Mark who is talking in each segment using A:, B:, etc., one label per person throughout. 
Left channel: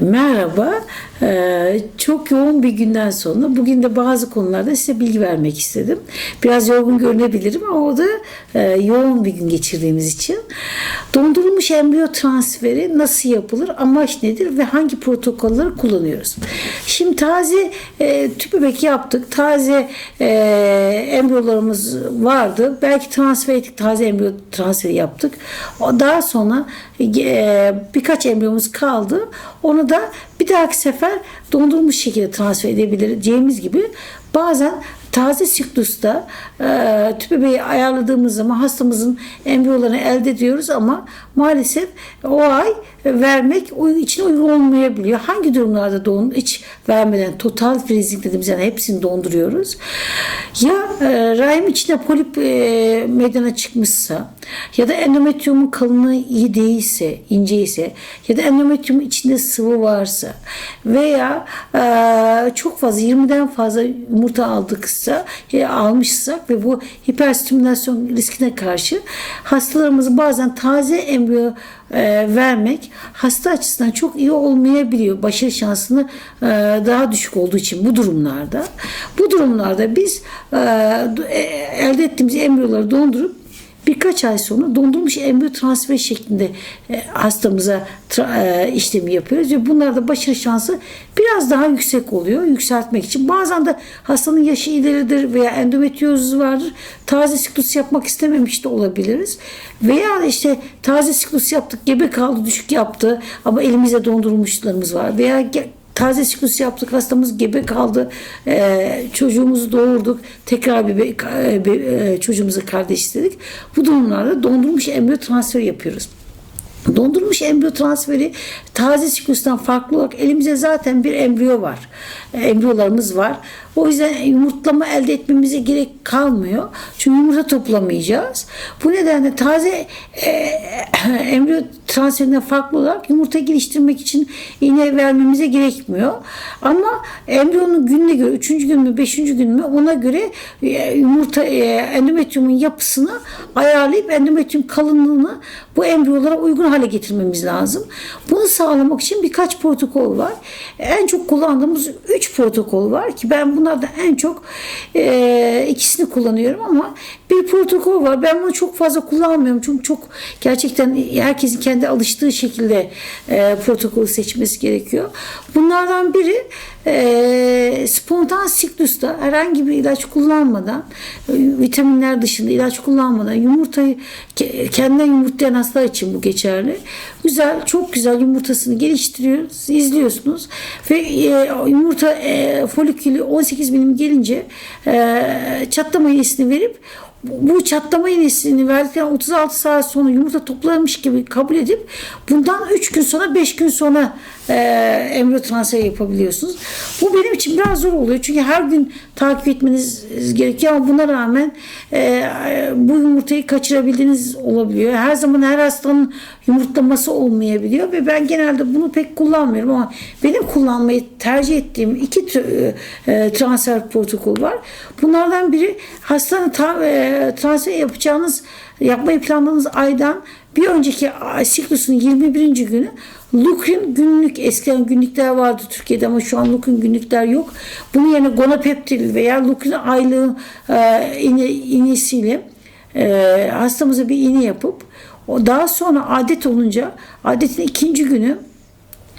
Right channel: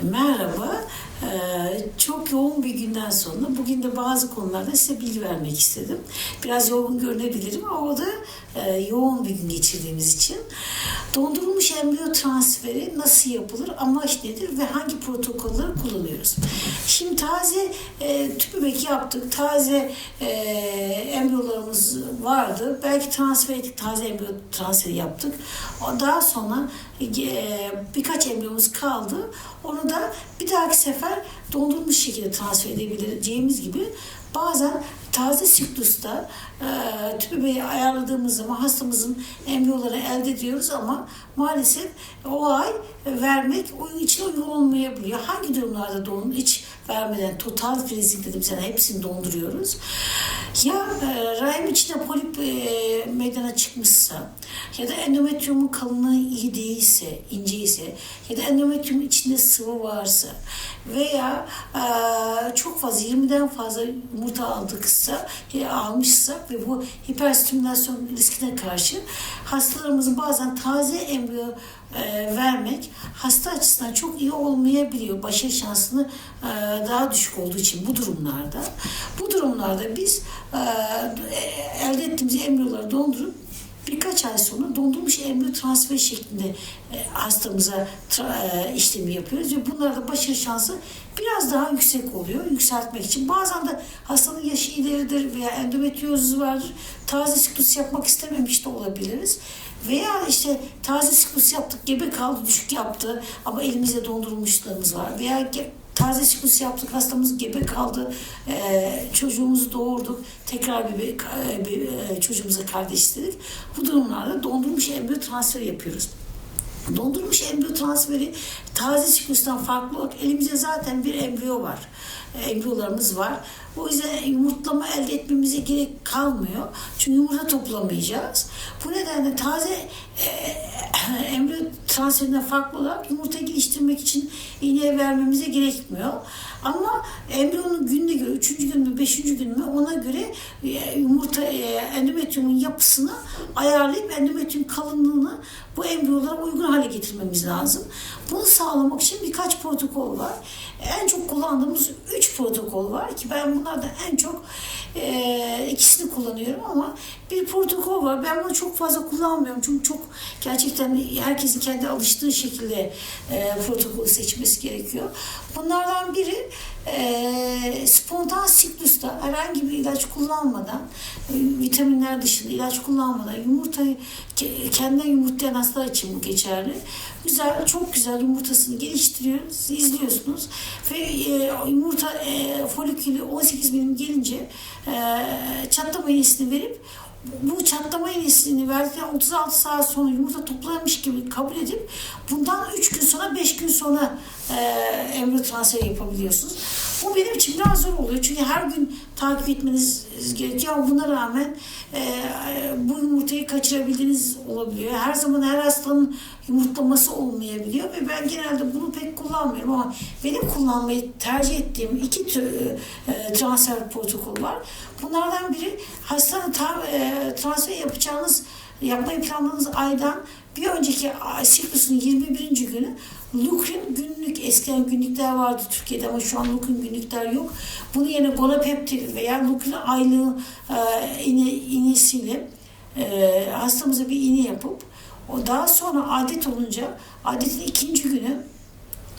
A: Merhaba. Ee, Çok yoğun bir günden sonra bugün de bazı konularda size bilgi vermek istedim. Biraz yorgun görünebilirim ama o da e, yoğun bir gün geçirdiğimiz için. Dondurulmuş embriyo transferi nasıl yapılır, amaç nedir ve hangi protokolleri kullanıyoruz? Şimdi taze e, tüp bebek yaptık. Taze e, embriyolarımız vardı. Belki transfer ettik, taze embriyo transferi yaptık. Daha sonra e, birkaç embriyomuz kaldı. Onu da bir dahaki sefer dondurulmuş şekilde transfer edebileceğimiz gibi bazen taze siklusta e, tüp bebeği ayarladığımız zaman hastamızın embriyolarını elde ediyoruz ama maalesef o ay vermek için uygun olmayabiliyor. Hangi durumlarda don hiç vermeden total freezing dediğimiz yani hepsini donduruyoruz. Ya e, rahim içinde polip e, meydana çıkmışsa ya da endometriyumun kalınlığı iyi değilse, ince ise ya da endometriyumun içinde sıvı varsa veya e, çok fazla 20'den fazla yumurta aldıksa ya almışsak ve bu hiperstimülasyon riskine karşı hastalarımızı bazen taze embriyo e, vermek hasta açısından çok iyi olmayabiliyor. Başarı şansını e, daha düşük olduğu için bu durumlarda. Bu durumlarda biz e, e, elde ettiğimiz embriyoları dondurup birkaç ay sonra dondurulmuş embriyo transfer şeklinde e, hastamıza e, işlemi yapıyoruz ve bunlarda başarı şansı biraz daha yüksek oluyor yükseltmek için. Bazen de hastanın yaşı ileridir veya endometriyozuz vardır. Taze siklus yapmak istememiş de olabiliriz. Veya işte taze siklus yaptık, gebe kaldı, düşük yaptı ama elimizde dondurulmuşlarımız var. Veya taze siklus yaptık hastamız gebe kaldı. Ee, çocuğumuzu doğurduk. Tekrar bir be- e, be- e, çocuğumuza kardeş istedik. Bu durumlarda dondurulmuş embriyo transferi yapıyoruz Dondurulmuş embriyo transferi taze siklustan farklı olarak elimizde zaten bir embriyo var. E, Embriyolarımız var. O yüzden yumurtlama elde etmemize gerek kalmıyor. Çünkü yumurta toplamayacağız. Bu nedenle taze e, embriyo transferinden farklı olarak yumurta geliştirmek için iğne vermemize gerekmiyor. Ama embriyonun gününe göre, üçüncü gün mü, beşinci gün mü ona göre e, yumurta e, endometriyumun yapısını ayarlayıp endometriyum kalınlığını bu embriyolara uygun hale getirmemiz lazım. Bunu sağlamak için birkaç protokol var. En çok kullandığımız üç protokol var ki ben bunlardan en çok e, ikisini kullanıyorum ama bir protokol var. Ben bunu çok fazla kullanmıyorum çünkü çok gerçekten herkesin kendi alıştığı şekilde e, protokolü seçmesi gerekiyor. Bunlardan biri e, spontan siklusta herhangi bir ilaç kullanmadan e, vitaminler dışında ilaç kullanmadan yumurtayı ke- kendinden yumurtlayan hastalar için bu geçerli. Güzel, çok güzel yumurtasını geliştiriyoruz, izliyorsunuz ve e, yumurta e, folikülü 18 milim gelince e, çatlama iğnesini verip bu çatlama iğnesini verdikten 36 saat sonra yumurta toplanmış gibi kabul edip bundan 3 gün sonra 5 gün sonra e, embriyo transferi yapabiliyorsunuz. Bu benim için biraz zor oluyor. Çünkü her gün takip etmeniz gerekiyor ama buna rağmen e, bu yumurtayı kaçırabildiğiniz olabiliyor. Her zaman her hastanın yumurtlaması olmayabiliyor ve ben genelde bunu pek kullanmıyorum ama benim kullanmayı tercih ettiğim iki tür, e, transfer protokol var. Bunlardan biri hastanın e, transfer yapacağınız yapmayı planladığınız aydan bir önceki siklusun 21. günü Lukrin günlük eskiden günlükler vardı Türkiye'de ama şu an Lukrin günlükler yok. Bunun yerine Gonapeptil veya Lukrin aylığı e, iğne, iğnesiyle e, hastamıza bir iğne yapıp o daha sonra adet olunca adetin ikinci günü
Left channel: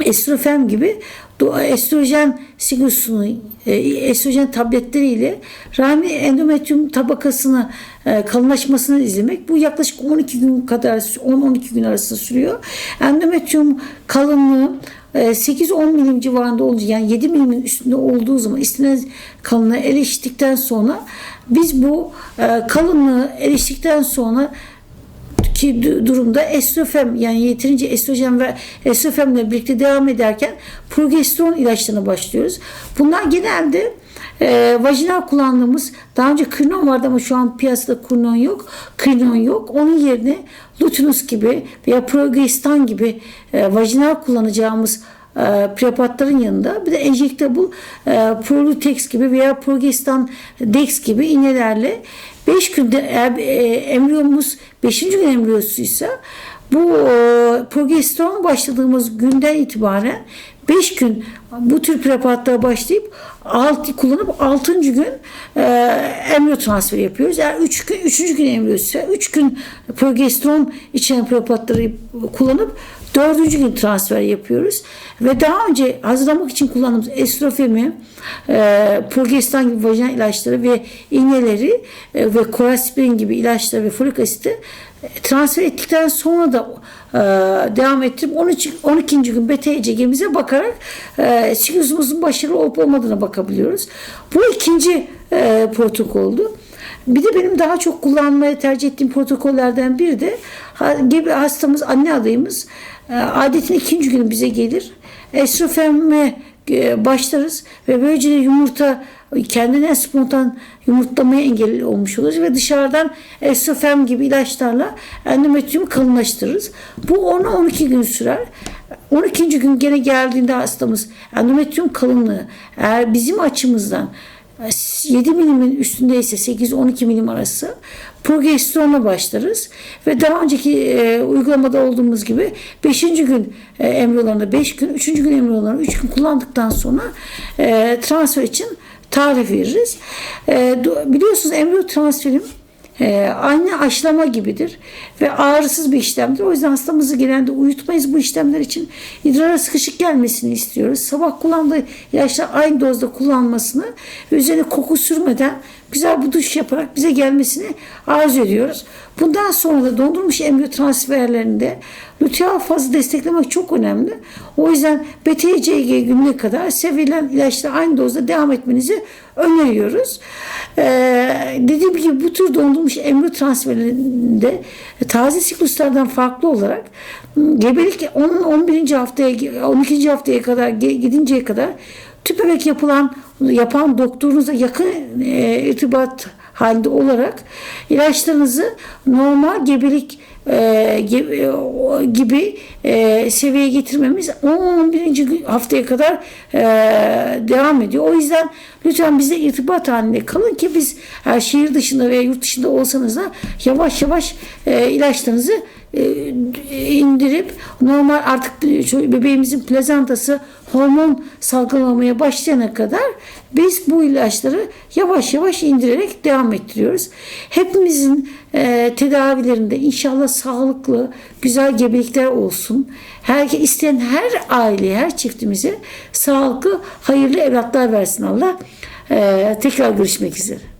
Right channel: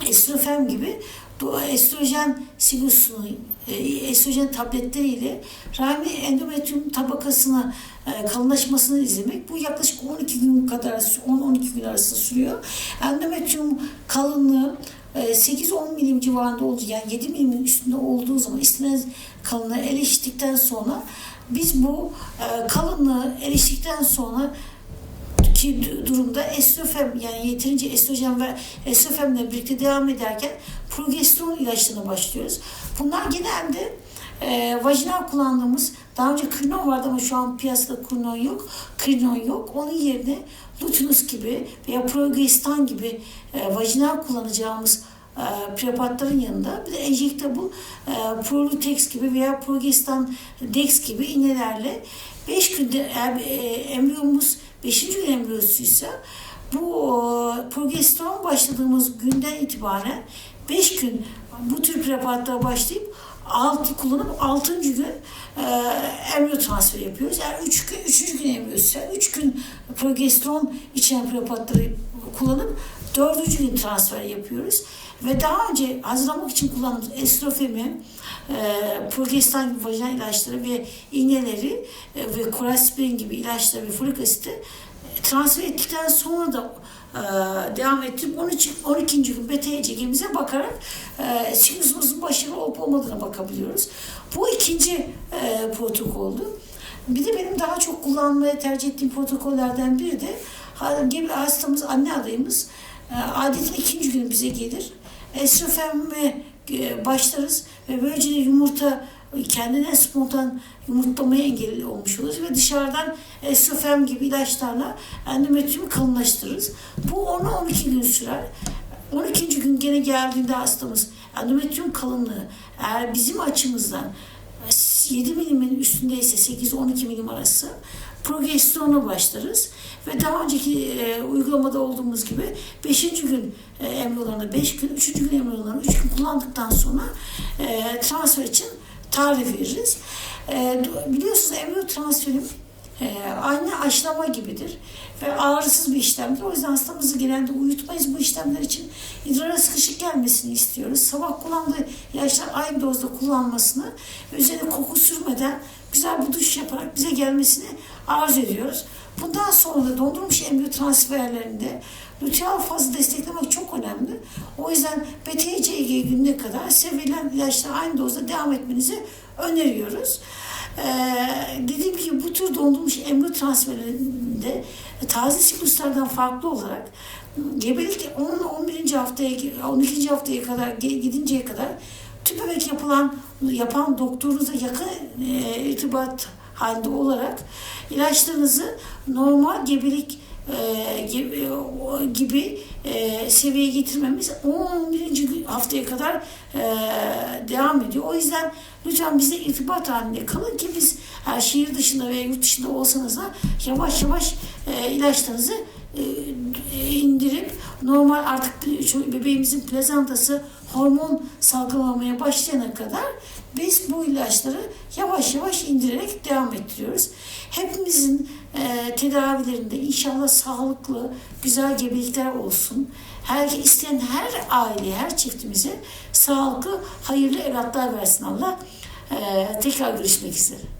A: estrofen gibi estrojen siklusunu e, estrojen tabletleriyle rahmi endometrium tabakasını e, kalınlaşmasını izlemek. Bu yaklaşık 12 gün kadar 10-12 gün arasında sürüyor. Endometrium kalınlığı e, 8-10 milim civarında olunca yani 7 milimin üstünde olduğu zaman istenen kalınlığı eriştikten sonra biz bu e, kalınlığı eriştikten sonra ki du- durumda estrofen yani yeterince estrojen ve estrofenle birlikte devam ederken progesteron ilaçlarına başlıyoruz. Bunlar genelde e, vajinal kullandığımız daha önce krinon vardı ama şu an piyasada krinon yok. Krinon yok. Onun yerine lutinus gibi veya progestan gibi e, vajinal kullanacağımız e, prepatların yanında bir de enjektable e, Prolutex gibi veya Progestan Dex gibi iğnelerle 5 günde e, embriyomuz 5. gün embriyosuysa Bu e, progesteron başladığımız günden itibaren 5 gün bu tür preparatlara başlayıp alt, kullanıp 6. gün e, embriyo transferi yapıyoruz. Yani 3 gün 3. gün embriyo ise 3 gün progesteron içeren preparatları kullanıp 4. gün transfer yapıyoruz. Ve daha önce hazırlamak için kullandığımız estrofemi, e, progesteron gibi vajinal ilaçları ve iğneleri e, ve koraspirin gibi ilaçları ve folik asiti transfer ettikten sonra da e, devam ettirip 13, 12. gün beta ECG'mize bakarak e, siklusumuzun başarılı olup olmadığına bakabiliyoruz. Bu ikinci e, protokoldu. Bir de benim daha çok kullanmaya tercih ettiğim protokollerden biri de gebe hastamız, anne adayımız e, adetin ikinci günü bize gelir. Estrofemme e, başlarız ve böylece yumurta kendine spontan yumurtlamaya engel olmuş oluruz ve dışarıdan estrofen gibi ilaçlarla endometriyumu kalınlaştırırız. Bu 10-12 gün sürer. 12. gün gene geldiğinde hastamız endometriyum kalınlığı eğer bizim açımızdan 7 milimin üstündeyse 8-12 milim arası progesteronla başlarız ve daha önceki e, uygulamada olduğumuz gibi 5. gün e, embriyolarında 5 gün, 3. gün embriyolarını 3 gün kullandıktan sonra e, transfer için tarif veririz. E, biliyorsunuz embriyo transferim e, aynı aşılama gibidir ve ağrısız bir işlemdir. O yüzden hastamızı genelde uyutmayız bu işlemler için. İdrara sıkışık gelmesini istiyoruz. Sabah kullandığı ilaçlar aynı dozda kullanmasını ve üzerine koku sürmeden güzel bir duş yaparak bize gelmesini arzu ediyoruz. Bundan sonra da dondurmuş embriyo transferlerinde luteal fazı desteklemek çok önemli. O yüzden BTCG gününe kadar sevilen ilaçla aynı dozda devam etmenizi öneriyoruz. Ee, dediğim gibi bu tür dondurmuş embriyo transferlerinde taze sikluslardan farklı olarak ım, gebelik 10 11. haftaya 12. haftaya kadar gidinceye kadar tüp yapılan yapan doktorunuzla yakın e, irtibat halinde olarak ilaçlarınızı normal gebelik e, ge- e, gibi e, seviyeye getirmemiz 11. gün- haftaya kadar e, devam ediyor. O yüzden lütfen bize irtibat halinde kalın ki biz her şehir dışında veya yurt dışında olsanız da yavaş yavaş e, ilaçlarınızı e, indirip normal artık bebeğimizin plazantası hormon salgılamaya başlayana kadar biz bu ilaçları yavaş yavaş indirerek devam ettiriyoruz. Hepimizin e, tedavilerinde inşallah sağlıklı, güzel gebelikler olsun. Her isteyen her aile, her çiftimize sağlıklı, hayırlı evlatlar versin Allah. E, tekrar görüşmek üzere.